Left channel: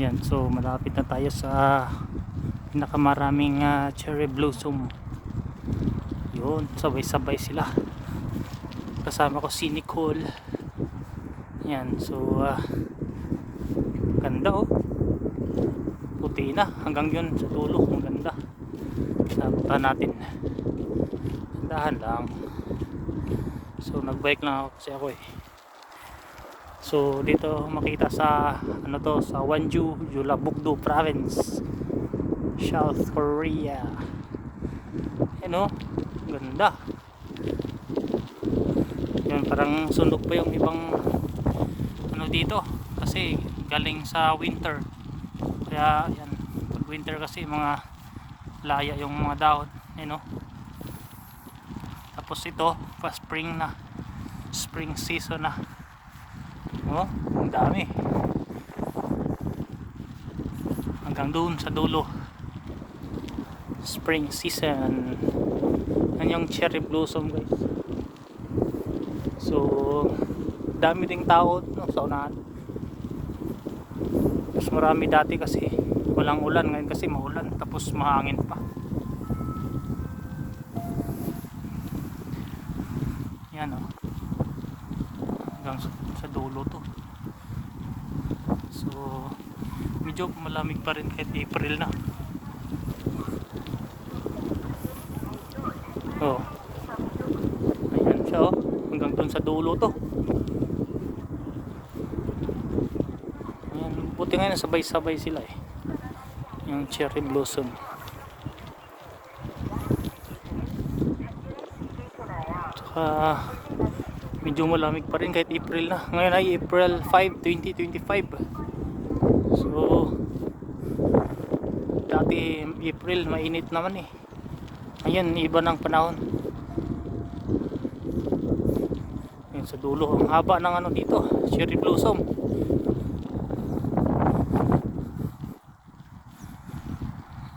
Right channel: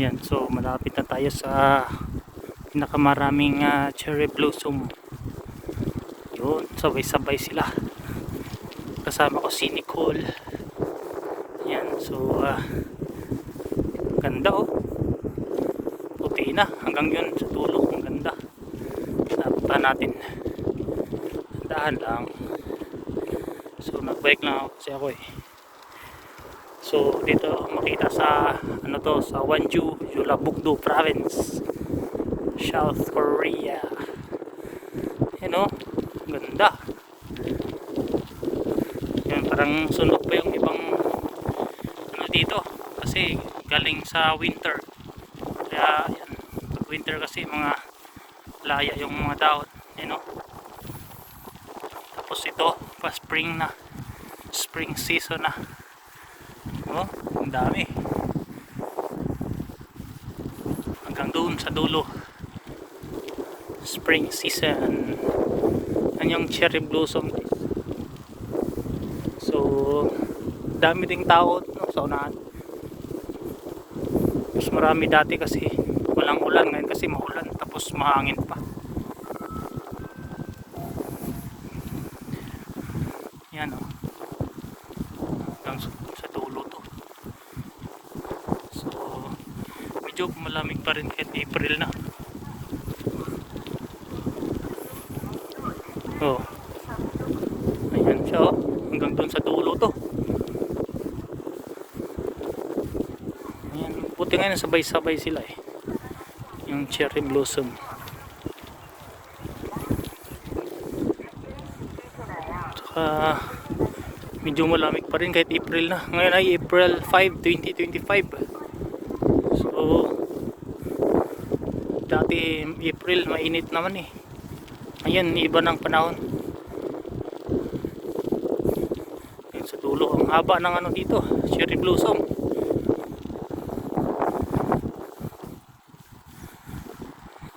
Yan, so malapit na tayo sa pinakamaraming cherry blossom. Yun, sabay-sabay sila. Kasama ko si Nicole. Yan, so ganda oh. Puti na hanggang yun sa dulo, ang ganda. Sabutan natin. Dahan lang. So nagbike lang ako kasi ako eh. So dito makita sa ano to, sa Wonju, Jeollabuk-do Province, South Korea. Yan oh, ganda. Yan, parang sunog pa yung ibang ano dito kasi galing sa winter. Kaya yan, pag winter kasi mga laya yung mga dahon, you know. Tapos ito pa spring na, spring season na. Oh, ang dami hanggang doon sa dulo, spring season. Yan yung cherry blossom guys. So dami ding tao no, sa unahan. Mas marami dati kasi walang ulan, ngayon kasi maulan tapos mahangin pa. Yan oh, hanggang sa dulo to. So medyo malamig pa rin kahit April na. Oh, ayan siya oh, hanggang doon sa dulo to. Ayan, buti nga sabay-sabay sila eh, yung cherry blossom. Saka medyo malamig pa rin kahit April na. Ngayon ay April 5, 2025. So dati April mainit naman eh. Ayan, iba ng panahon. Ayan sa dulo, ang haba ng ano dito, cherry blossom.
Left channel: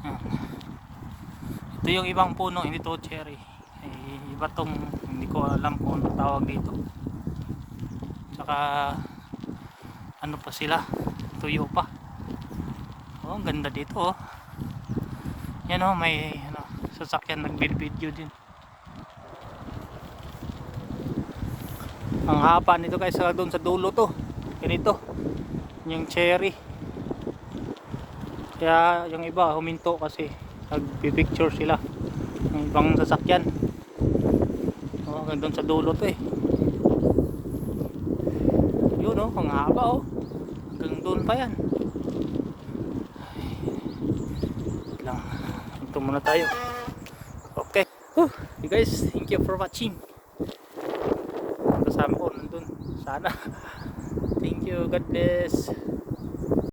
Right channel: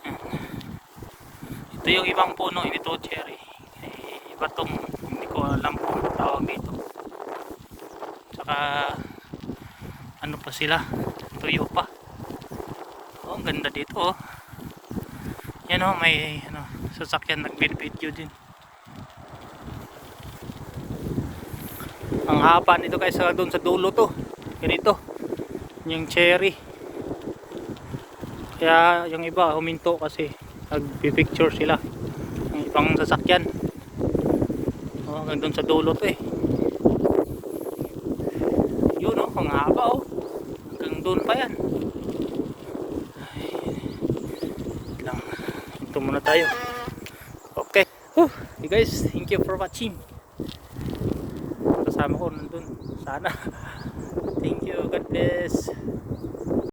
Ayan. Ito yung ibang puno, ito cherry. Iba tong, hindi ko alam kung ano tawag dito. Saka ano pa sila, tuyo pa. Oh, ang ganda dito oh. Yan oh, may ano, sasakyan nagbid-video din. Ang haba nito kaysa doon sa dulo to. Ganito yung cherry. Kaya yung iba huminto kasi nagpi-picture sila ng ibang sasakyan. Oh, hanggang doon sa dulo to eh. Yun oh, ang haba oh. Hanggang doon pa yan. Ay, lang. Ito muna tayo. Okay. Hey guys, thank you for watching. Kasama ko nandun. Sana. Thank you. God bless.